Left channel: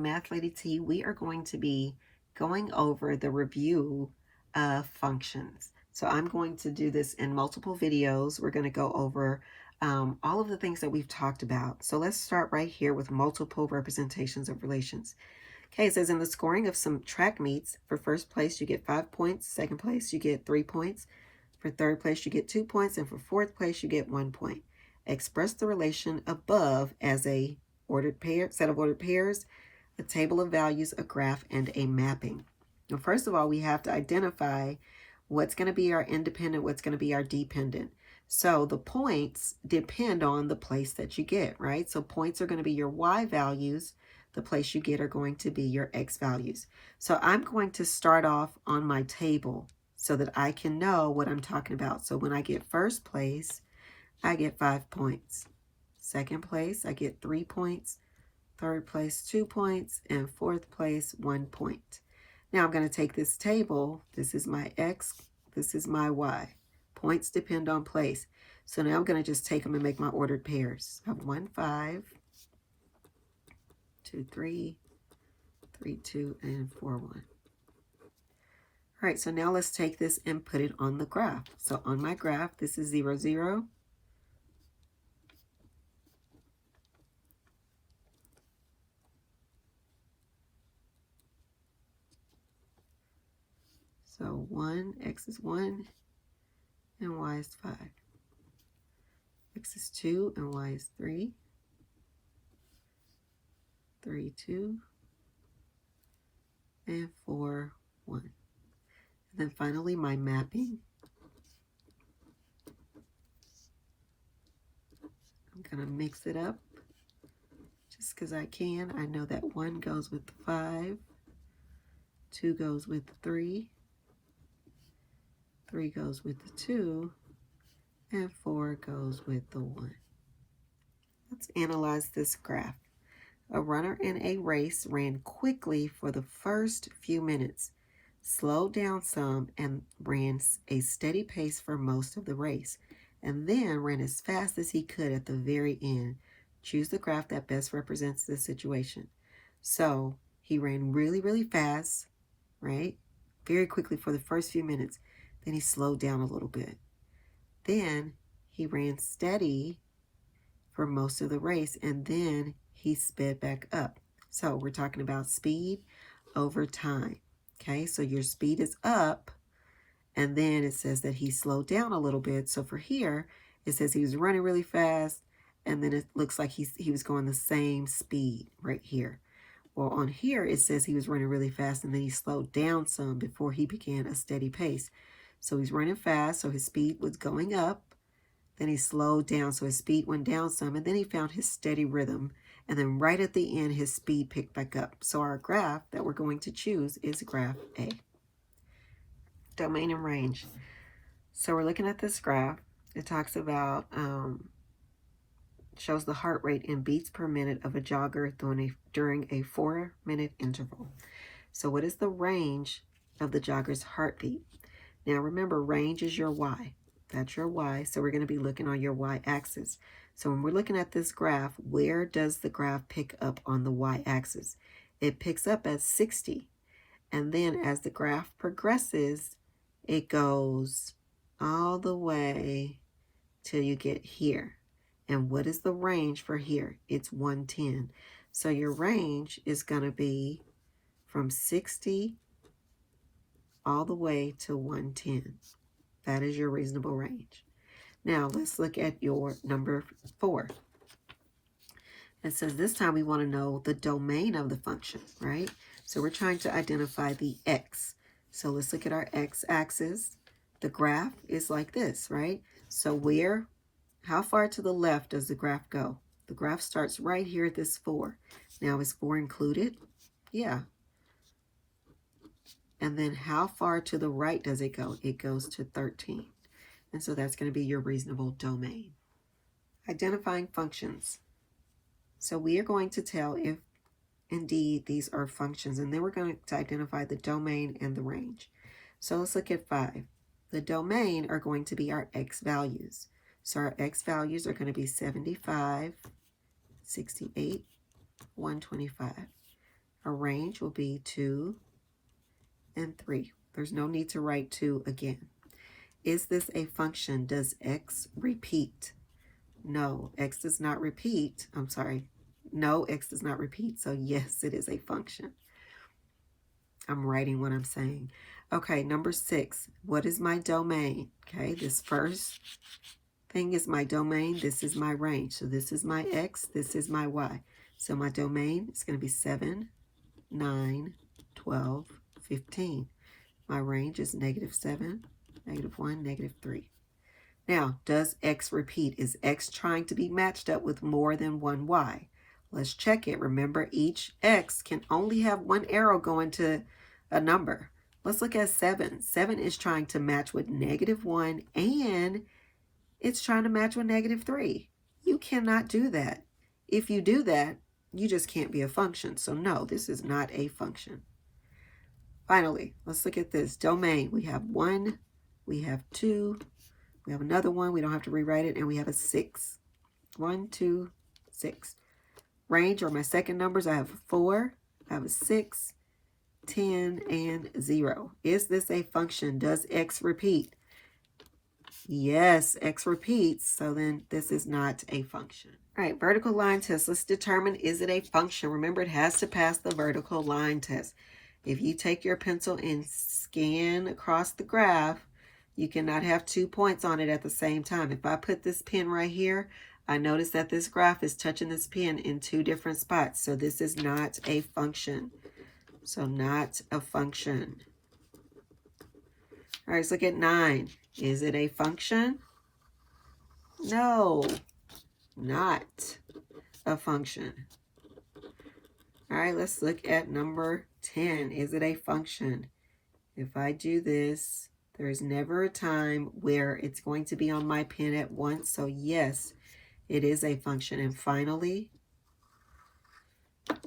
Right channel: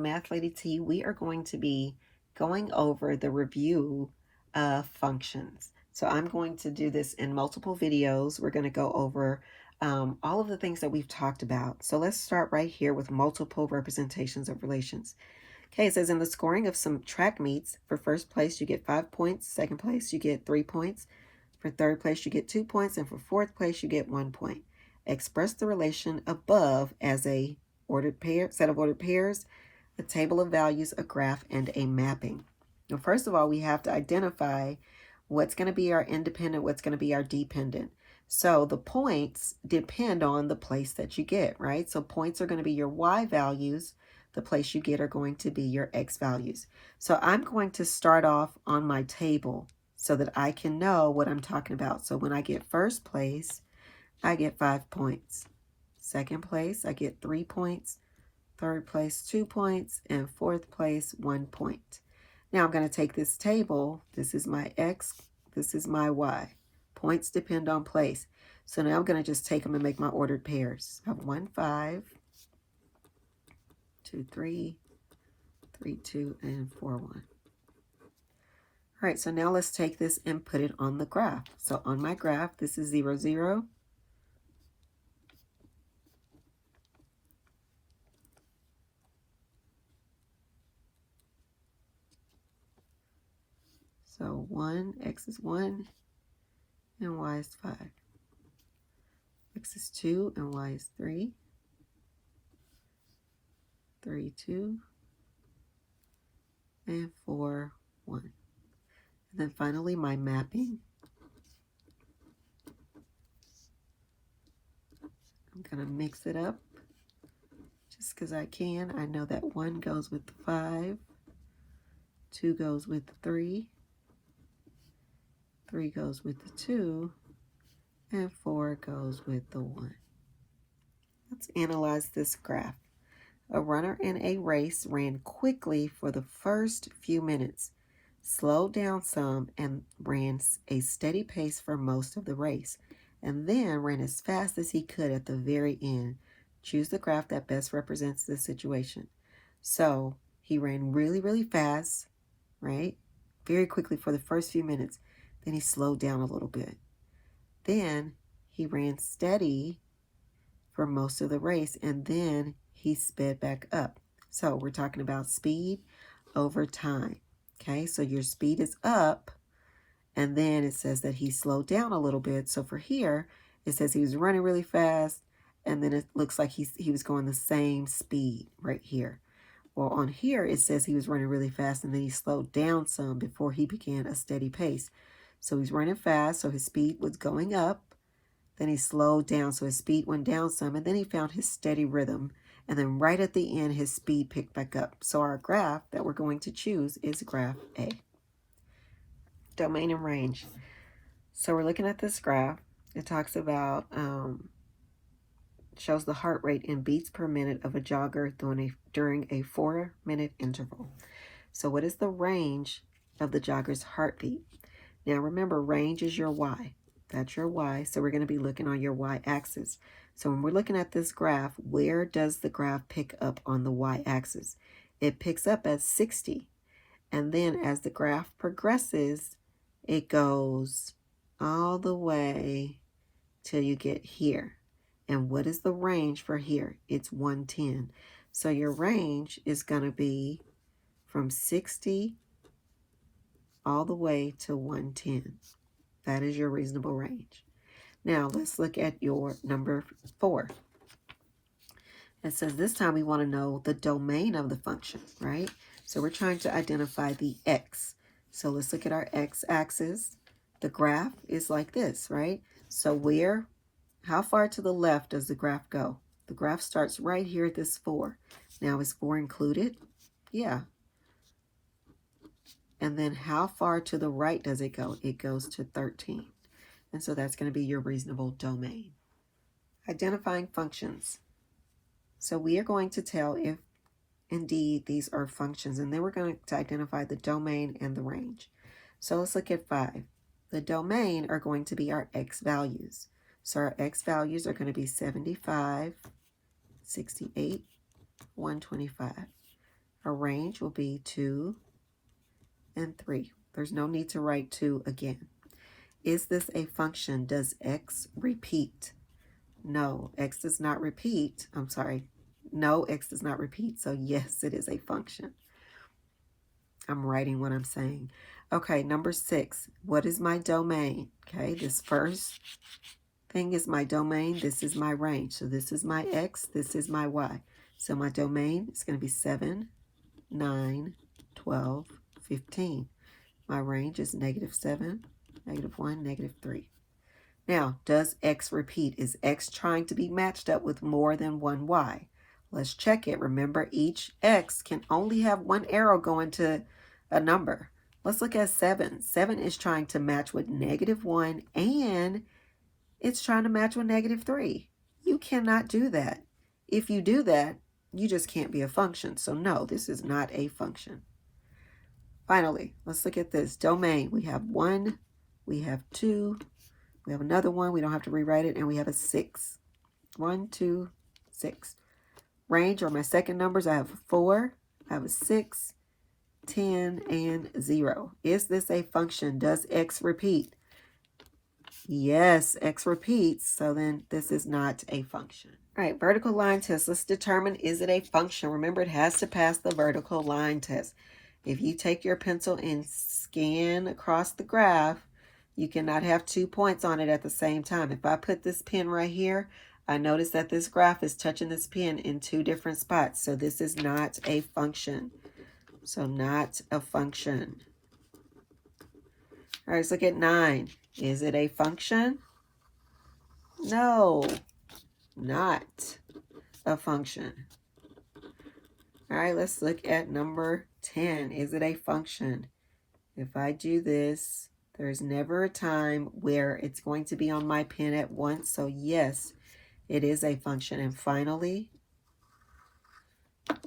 Math Lady T. We are going to be going over the review of functions. So I'm going to do this in multiple videos. We're going to go over all of the things that we've talked about. So let's start right here with multiple representations of relations. Okay, it says in the scoring of some track meets, for first place you get 5 points, second place you get 3 points, for third place you get 2 points, and for fourth place you get 1 point. Express the relation above as a ordered pair, set of ordered pairs, a table of values, a graph, and a mapping. Now, first of all, we have to identify what's going to be our independent, what's going to be our dependent. So the points depend on the place that you get, right? So points are going to be your y values. The place you get are going to be your x values. So I'm going to start off on my table so that I can know what I'm talking about. So when I get first place, I get 5 points. Second place, I get 3 points. Third place, 2 points. And fourth place, 1 point. Now I'm going to take this table. This is my x. This is my y. Points depend on place. So now I'm going to just take them and make my ordered pairs. I have 1, 5, 2, 3, 3, 2, and 4, 1. All right, so now let's take this and put it on the graph. So on my graph, this is 0, 0. So 1, x is 1, and y is 5. X is 2, and y is 3. 3, 2, and 4, 1. And then finally, my mapping. I'm going to mix it up just because I can. I know that 1 goes with the 5, 2 goes with the 3, 3 goes with the 2, and 4 goes with the 1. Let's analyze this graph. A runner in a race ran quickly for the first few minutes, slowed down some, and ran a steady pace for most of the race, and then ran as fast as he could at the very end. Choose the graph that best represents this situation. So he ran really, really fast, right? Very quickly for the first few minutes. Then he slowed down a little bit. Then he ran steady for most of the race, and then he sped back up. So we're talking about speed over time. Okay, so your speed is up, and then it says that he slowed down a little bit. So for here, it says he was running really fast, and then it looks like he was going the same speed right here. Well, on here, it says he was running really fast, and then he slowed down some before he began a steady pace. So he's running fast, so his speed was going up. Then he slowed down, so his speed went down some, and then he found his steady rhythm. And then right at the end, his speed picked back up. So our graph that we're going to choose is graph A. Domain and range. So we're looking at this graph. It talks about, shows the heart rate in beats per minute of a jogger during a 4-minute interval. So what is the range of the jogger's heartbeat? Now remember, range is your y. That's your y. So we're going to be looking on your y-axis. So when we're looking at this graph, where does the graph pick up on the y-axis? It picks up at 60. And then as the graph progresses, it goes all the way till you get here. And what is the range for here? It's 110. So your range is going to be from 60 all the way to 110. That is your reasonable range. Now, let's look at your number 4. It says this time we want to know the domain of the function, right? So we're trying to identify the x. So let's look at our x-axis. The graph is like this, right? So how far to the left does the graph go? The graph starts right here at this 4. Now, is 4 included? Yeah. And then how far to the right does it go? It goes to 13. And so that's going to be your reasonable domain. Identifying functions. So we are going to tell if indeed these are functions, and then we're going to identify the domain and the range. So let's look at 5. The domain are going to be our x values. So our x values are going to be 75, 68, 125. our range will be 2 and 3. There's no need to write 2 again. Is this a function? Does x repeat? No, x does not repeat. I'm sorry. No, x does not repeat. So yes, it is a function. I'm writing what I'm saying. Okay, number 6. What is my domain? Okay, this first thing is my domain. This is my range. So this is my x. This is my y. So my domain is going to be 7, 9, 12, 15. My range is -7, -1, -3. Now, does x repeat? Is x trying to be matched up with more than one y? Let's check it. Remember, each x can only have one arrow going to a number. Let's look at 7. 7 is trying to match with -1 and it's trying to match with -3. You cannot do that. If you do that, you just can't be a function. So no, this is not a function. Finally, let's look at this. Domain. We have 1, we have 2, we have another 1. We don't have to rewrite it. And we have a 6. 1, 2, 6. Range are my second numbers. I have a 4, I have a 6, 10, and 0. Is this a function? Does x repeat? Yes, x repeats. So then this is not a function. All right, vertical line test. Let's determine, is it a function? Remember, it has to pass the vertical line test. If you take your pencil and scan across the graph, you cannot have 2 points on it at the same time. If I put this pen right here, I notice that this graph is touching this pen in 2 different spots. So this is not a function. So not a function. All right, let's look at 9. Is it a function? No, not a function. All right, let's look at number 10. Is it a function? If I do this, there's never a time where it's going to be on my pen at once. So yes, it is a function. And finally,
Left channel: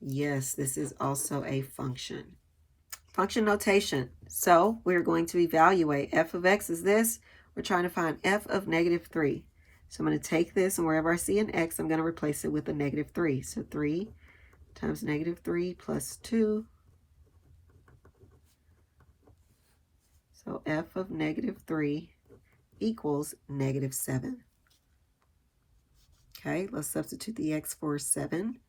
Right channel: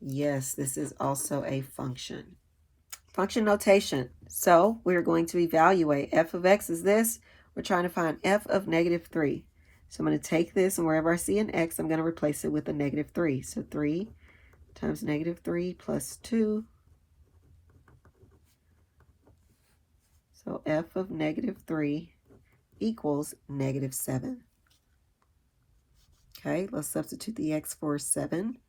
yes, this is also a function. Function notation. So we're going to evaluate f of x is this. We're trying to find f of -3. So I'm going to take this, and wherever I see an x, I'm going to replace it with a -3. So 3 times -3 plus 2. So f of -3 equals -7. Okay, let's substitute the x for 7.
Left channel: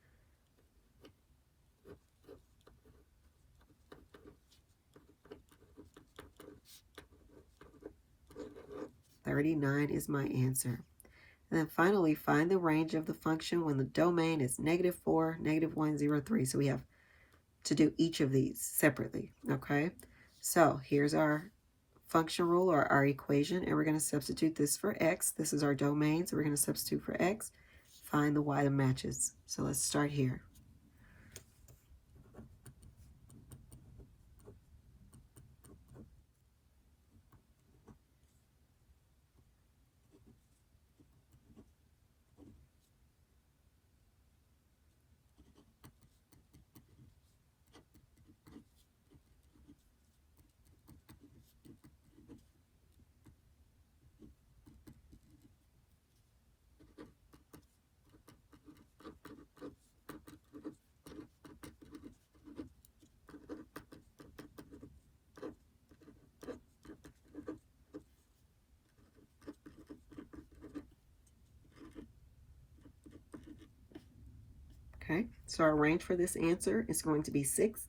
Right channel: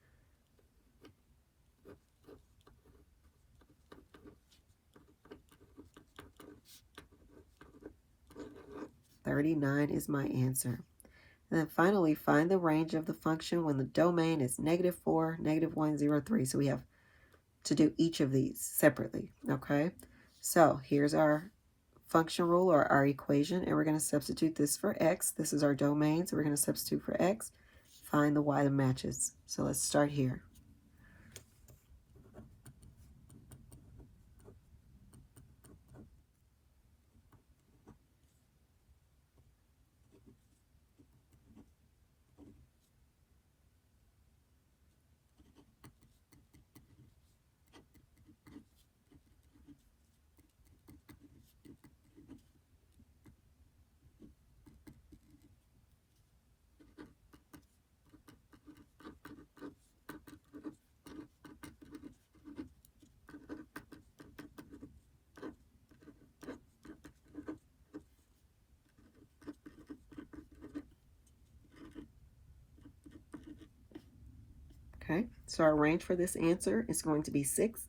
$39 is my answer. And then finally, find the range of the function when the domain is -4, -1, 0, 3. So we have to do each of these separately, okay? So here's our function rule, or our equation, and we're going to substitute this for x. This is our domain, so we're going to substitute for x. Find the y that matches. So let's start here. Okay, so our range for this answer is going to be 6,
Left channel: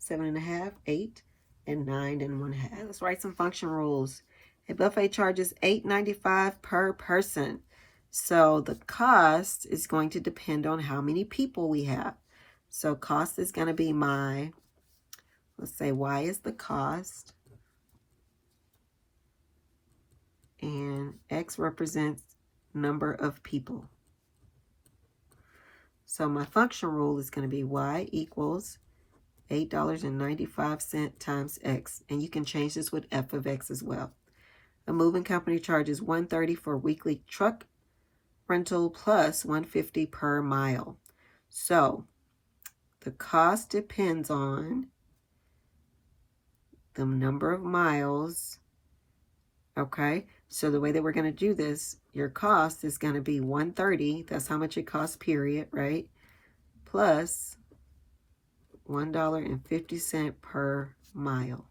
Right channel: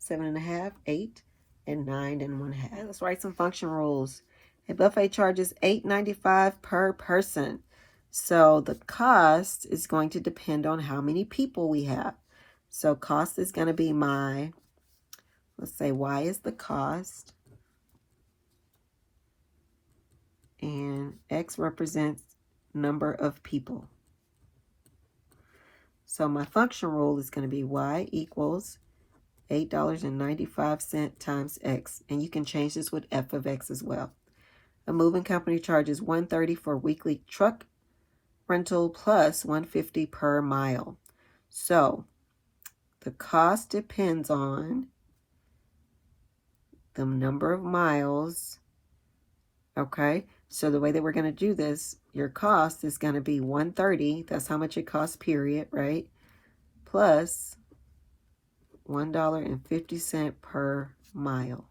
7.5, 8, and 9.5. Let's write some function rules. A buffet charges $8.95 per person. So the cost is going to depend on how many people we have. So cost is going to be my, let's say y is the cost. And x represents number of people. So my function rule is going to be y equals $8.95 times x. And you can change this with f of x as well. A moving company charges $130 for weekly truck rental plus $150 per mile. So the cost depends on the number of miles. Okay, so the way that we're going to do this, your cost is going to be $130. That's how much it costs, period, right? Plus $1.50 per mile.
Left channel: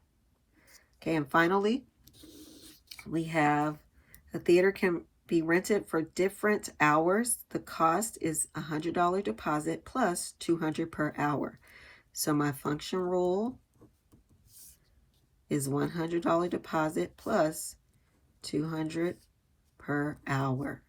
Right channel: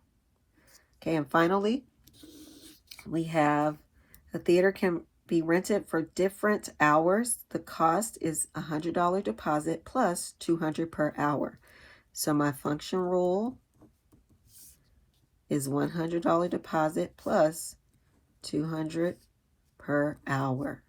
Okay, and finally, we have a theater can be rented for different hours. The cost is $100 deposit plus $200 per hour. So my function rule is $100 deposit plus $200 per hour.